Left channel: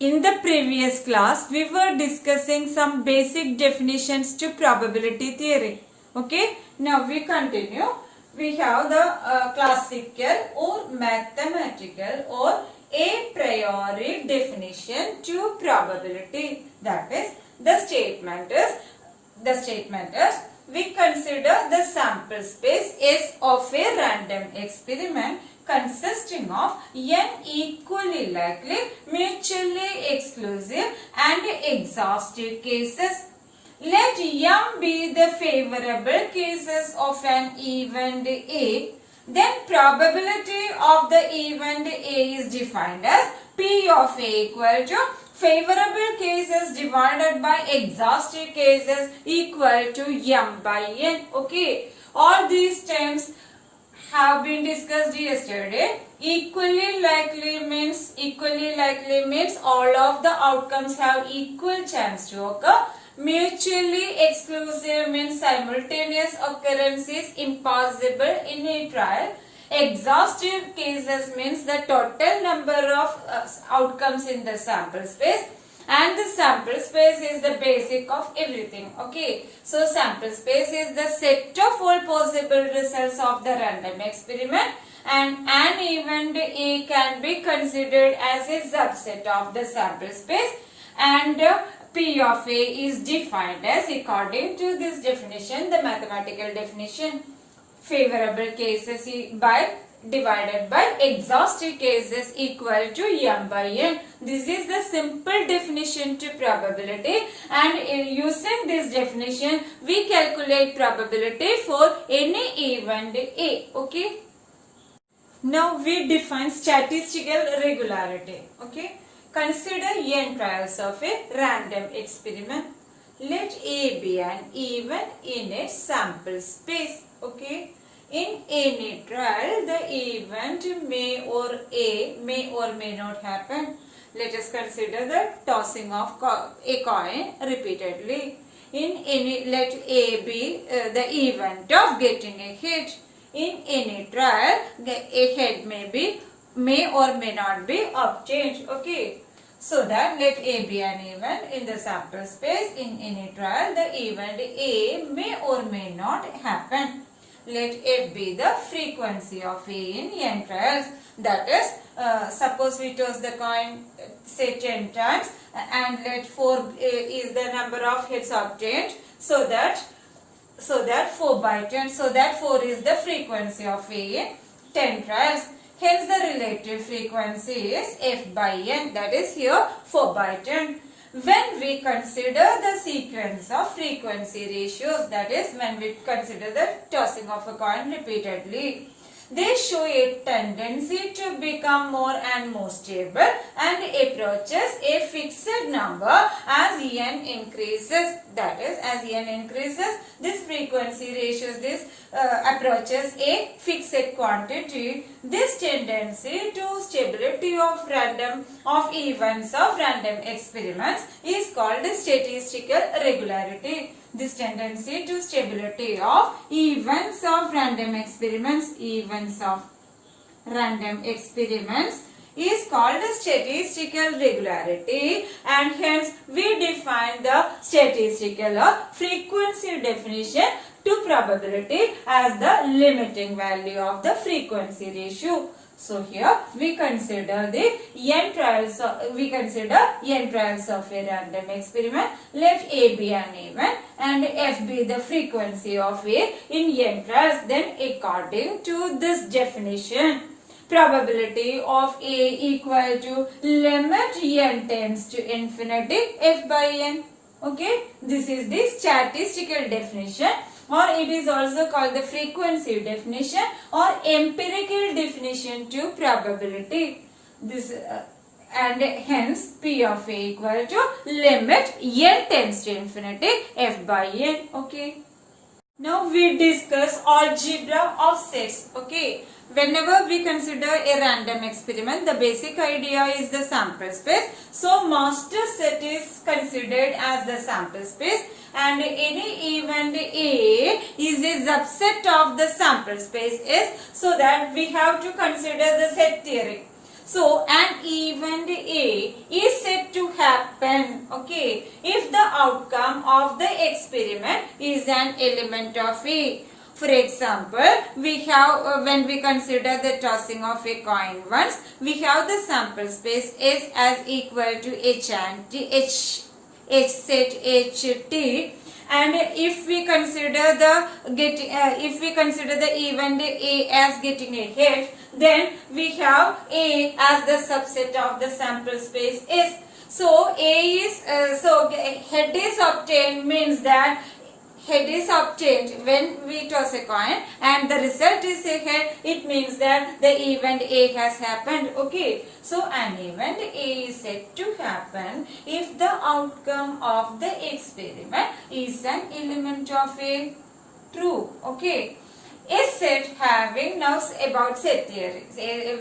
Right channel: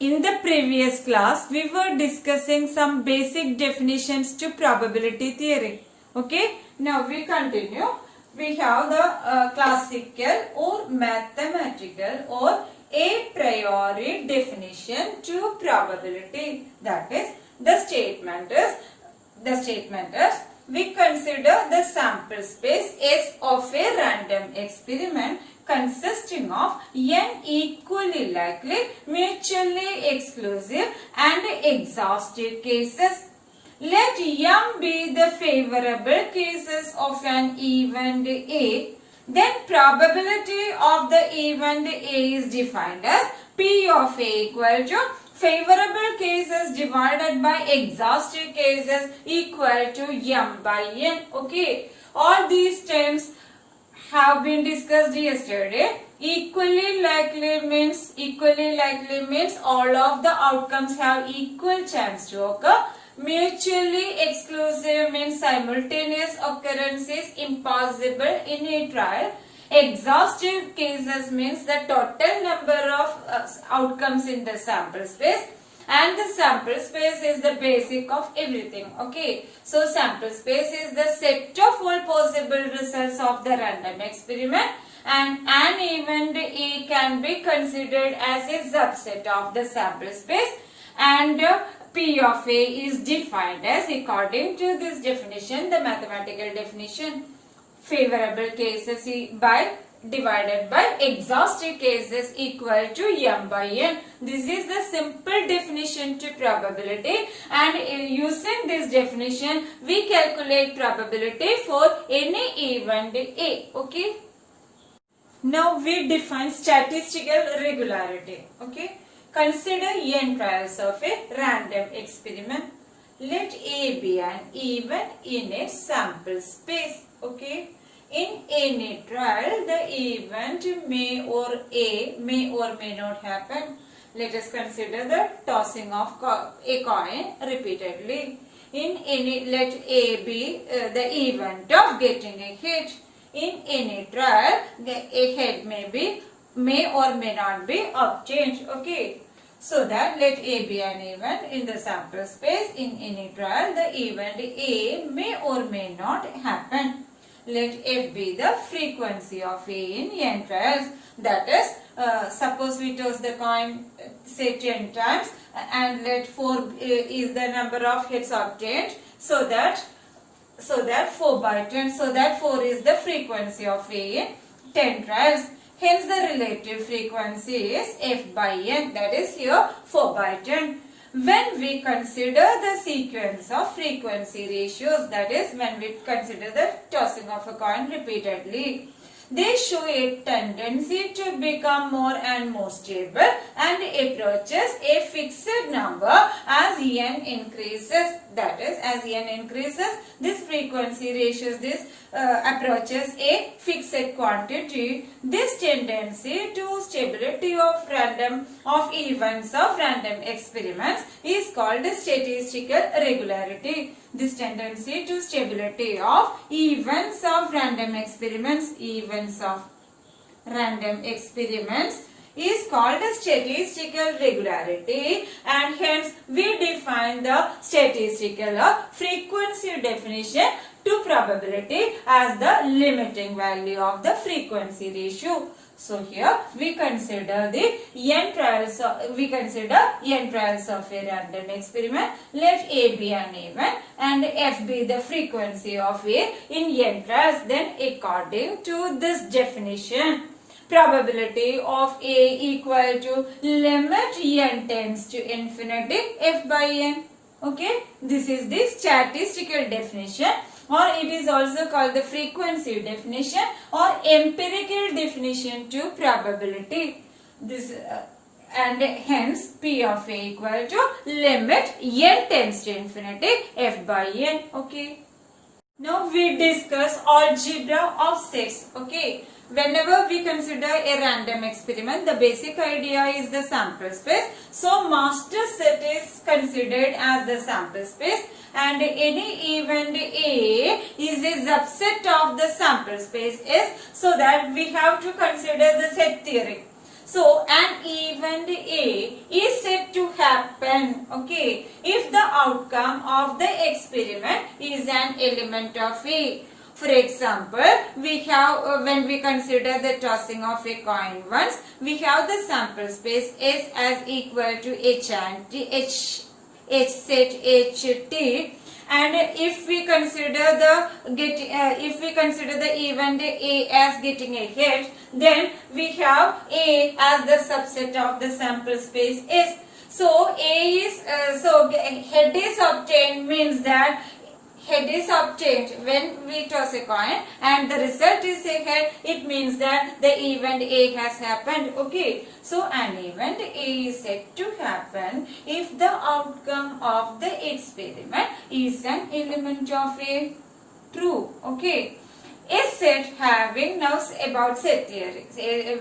In the previous class, we were discussing some basic definitions to probability theory. Okay, now we continue. We have the classical or mathematical or a priori definition to probability. That is, the statement is we consider the sample space S of a random experiment consisting of n equally likely, mutually exclusive and exhaustive cases. Let m be the favorable cases of an event A. Then probability of the event A is defined as P of A equal to favorable cases divided by exhaustive cases equal to m by n. Okay, all these terms have been discussed yesterday. Equally likely means all of the outcomes have equal chance to occur. Mutually exclusive means simultaneous occurrence is impossible in a trial. Exhaustive cases means the total number of outcomes in the sample space, and the sample space is the basic of everything. Okay, so sample space is the set of all possible results of the random experiment, and an event A can be considered as a subset of the sample space, and P of A is defined as, according to this definition, the mathematical definition, favorable cases divided by exhaustive cases equal to m by n. This is the simple definition to probability, and using this definition we calculate probability for any event A. Okay. Now we define statistical regularity. Okay. Consider n trials of a random experiment. Let A be an event in a sample space. Okay. In any trial, the event may or may not happen. Let us consider the tossing of a coin repeatedly. Let A be the event of getting a hit. In any trial, a head may or may not be obtained. Okay. So that let A be an event in the sample space. In any trial, the event A may or may not happen. Let F be the frequency of A in n trials. That is, suppose we toss the coin say 10 times, and let 4 is the number of hits obtained. So that 4 by 10. So that 4 is the frequency of A in 10 trials. Hence the relative frequency is F by n. That is here 4 by 10. When we consider the sequence of frequency ratios, that is when we consider the tossing of a coin repeatedly, they show a tendency to become more and more stable and approaches a fixed number as n increases. That is, as n increases, this frequency ratios, this approaches a fixed quantity. This tendency to stability of events of random experiments is called statistical regularity. This tendency to stability of events of random experiments is called statistical regularity, and hence we define the statistical or frequency definition to probability as the limiting value of the frequency ratio. So here we consider n trials of a random experiment. Let A be an event and F be the frequency of A in n trials. Then according to this definition, probability of A equal to limit n tends to infinity F by n. Okay, this is the statistical definition, or it is also called the frequency definition or empirical definition to probability. This and hence P of A equal to limit n tends to infinity F by n. Okay. Now we discuss algebra of sets. Okay. Whenever we consider a random experiment, the basic idea is the sample space. So master set is considered as the sample space, and any event A is a subset of the sample space S, so that we have to consider the set theory. So an event A is said to happen, okay, if the outcome of the experiment is an element of A. For example, we have when we consider the tossing of a coin once, we have the sample space S as equal to H and T, H set H T. And if we consider the event A as getting a head, then we have A as the subset of the sample space S. So head is obtained means that head is obtained when we toss a coin and the result is a head, it means that the event A has happened. Okay, so an event A is said to happen if the outcome of the experiment is an element of A. True. Okay. A set having, now about set theory.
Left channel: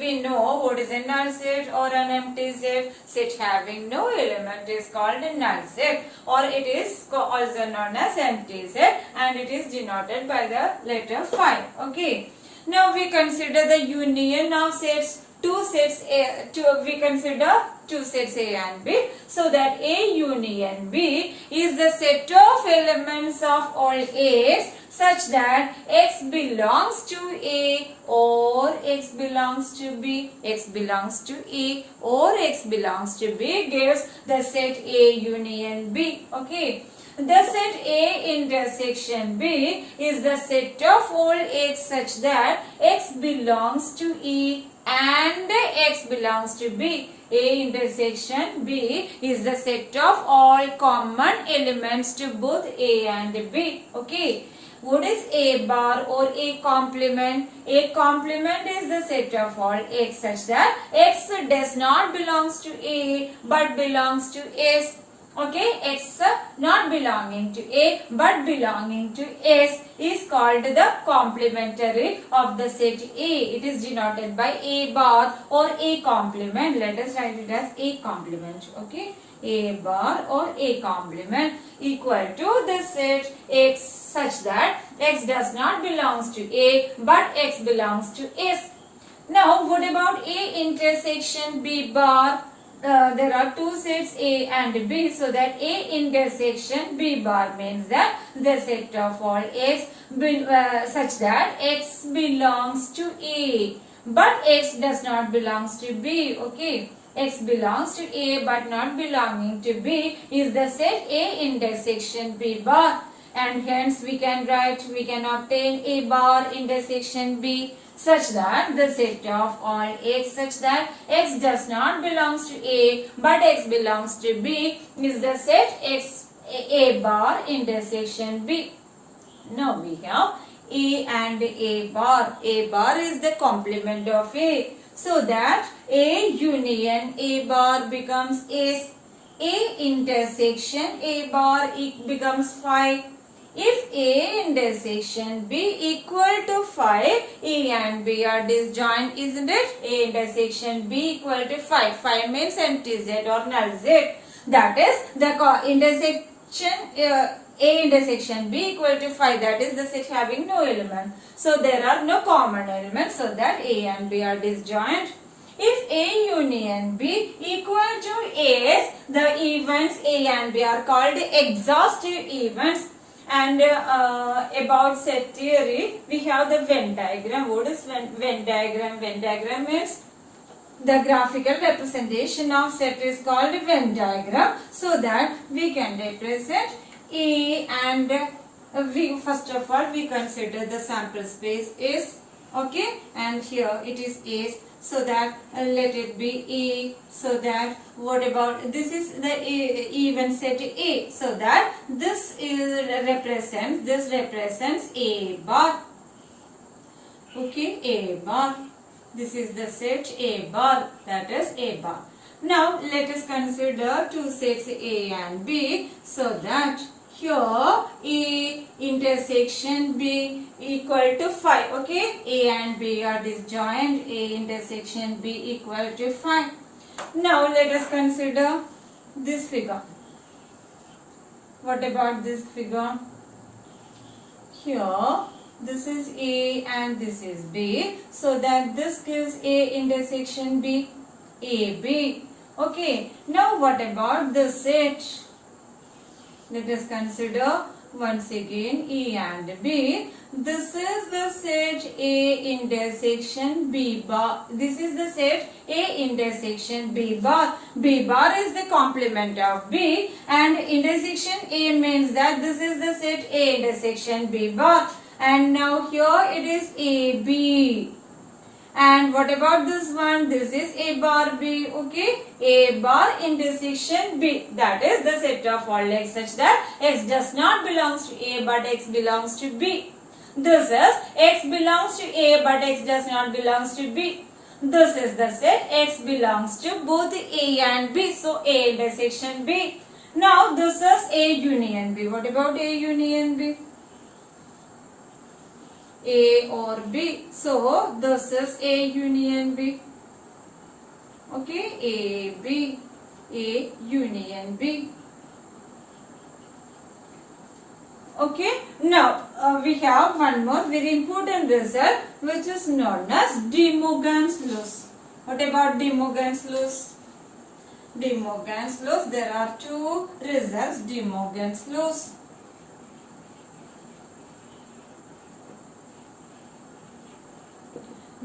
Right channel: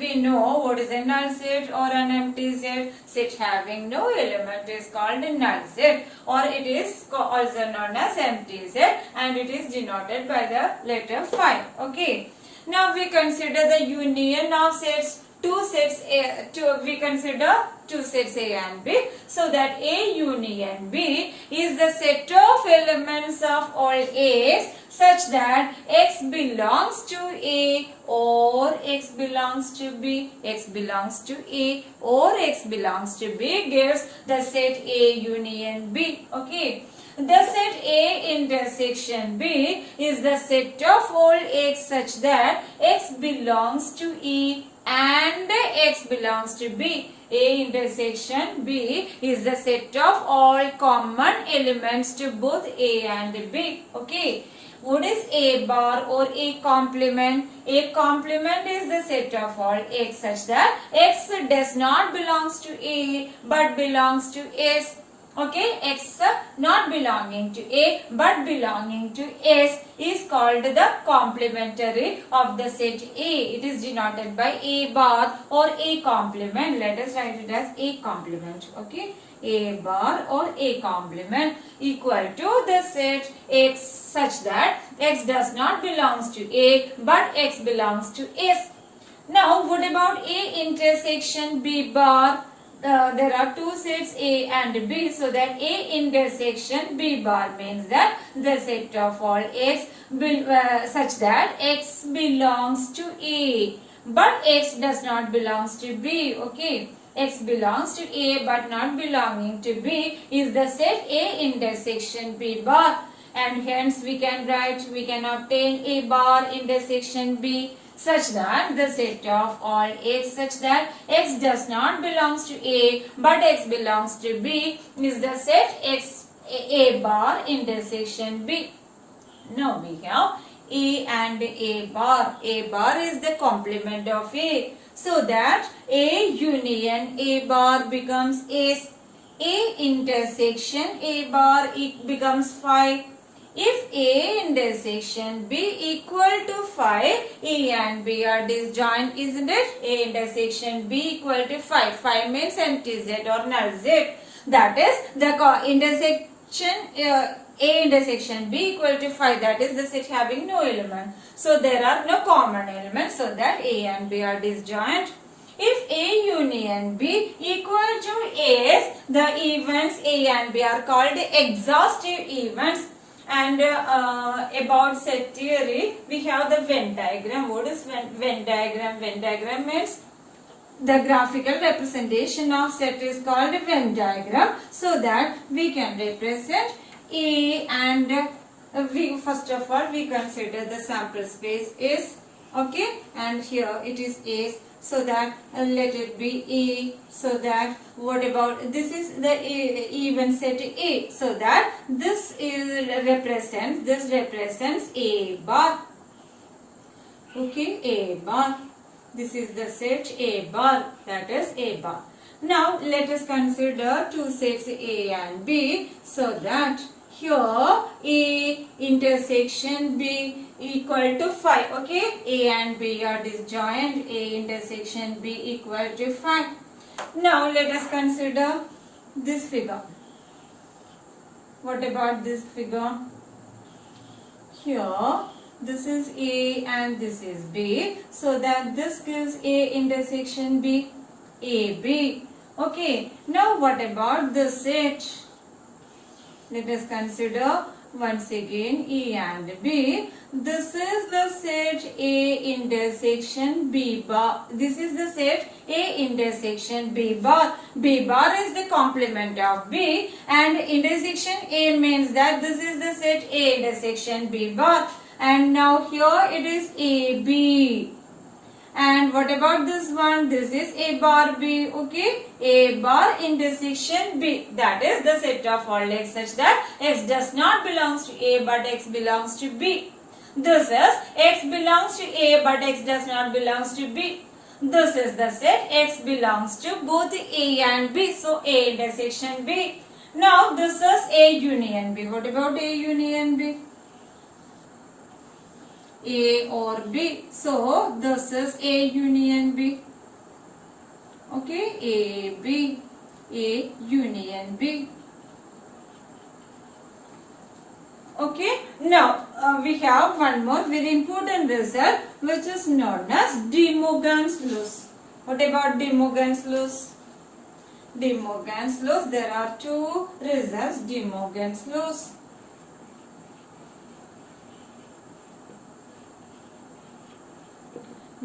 We know what is a null set or an empty set. Set having no element is called a null set, or it is also known as empty set, and it is denoted by the letter phi. Okay. Now we consider the union of sets. We consider two sets A and B, so that A union B is the set of elements of all A's such that X belongs to A or X belongs to B, X belongs to A or X belongs to B gives the set A union B. Okay. The set A intersection B is the set of all X such that X belongs to E and X belongs to B. A intersection B is the set of all common elements to both A and B. Okay. What is A bar or A complement? A complement is the set of all X such that X does not belongs to A but belongs to S. Okay, X not belonging to A but belonging to S is called the complementary of the set A. It is denoted by A bar or A complement. Let us write it as A complement. Okay, A bar or A complement equal to the set X such that X does not belongs to A but X belongs to S. Now, what about A intersection B bar? There are two sets A and B, so that A intersection B bar means that the set of all X such that X belongs to A but X does not belongs to B. Okay, X belongs to A but not belonging to B is the set A intersection B bar, and hence we can obtain A bar intersection B such that the set of all X such that X does not belongs to A but X belongs to B is the set X A bar intersection B. Now we have A and A bar. A bar is the complement of A, so that A union A bar becomes S. A intersection A bar becomes phi. If A intersection B equal to phi, A and B are disjoint, isn't it? A intersection B equal to phi. Phi means empty Z or null Z. That is the intersection A intersection B equal to phi. That is the set having no element. So there are no common elements, so that A and B are disjoint. If A union B equal to S, the events A and B are called exhaustive events. And about set theory, we have the Venn diagram. What is Venn diagram? Venn diagram means the graphical representation of set is called Venn diagram, so that we can represent A and we first of all we consider the sample space is, okay, and here it is A, so that let it be A, so that what about this is the even set A, so that this represents A bar. Okay, A bar. This is the set A bar, that is A bar. Now let us consider two sets A and B, so that here A intersection B equal to phi. Okay, A and B are disjoint. A intersection B equal to phi. Now let us consider this figure. What about this figure? Here this is A and this is B, so that this gives A intersection B. AB. Okay. Now what about this set? Let us consider once again A and B. This is the set A intersection B bar. This is the set A intersection B bar. B bar is the complement of B and intersection A means that this is the set A intersection B bar. And now here it is AB. And what about this one? This is A bar B. Okay. A bar intersection B. That is the set of all x such that x does not belongs to A but x belongs to B. This is x belongs to A but x does not belongs to B. This is the set x belongs to both A and B. So A intersection B. Now this is A union B. What about A union B? A or B. So this is A union B. Okay, A, B, A union B. Okay, now we have one more very important result which is known as De Morgan's laws. What about De Morgan's laws? De Morgan's laws, there are two results, De Morgan's laws.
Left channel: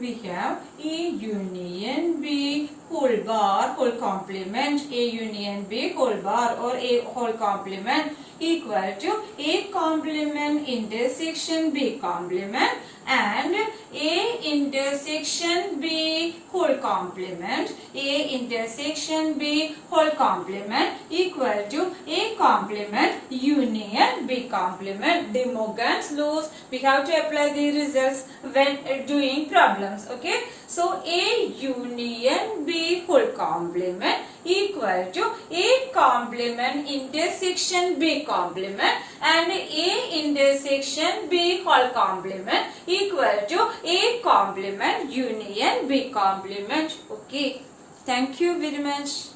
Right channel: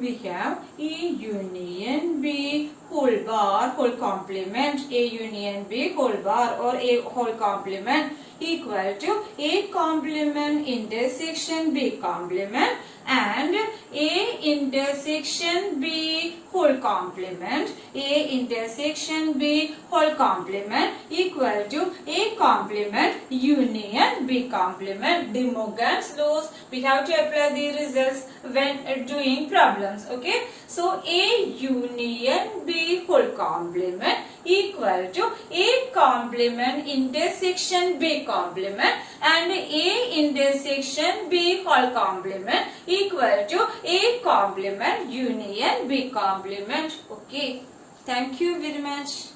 We have A union B whole bar whole complement, A union B whole bar or A whole complement equal to A complement intersection B complement and A intersection B whole complement, A intersection B whole complement equal to A complement union B complement. De Morgan's laws, we have to apply the results when doing problems. Okay, so A union B whole complement equal to A complement intersection B complement and A intersection B whole complement equal to A complement union B complement. Okay, thank you very much.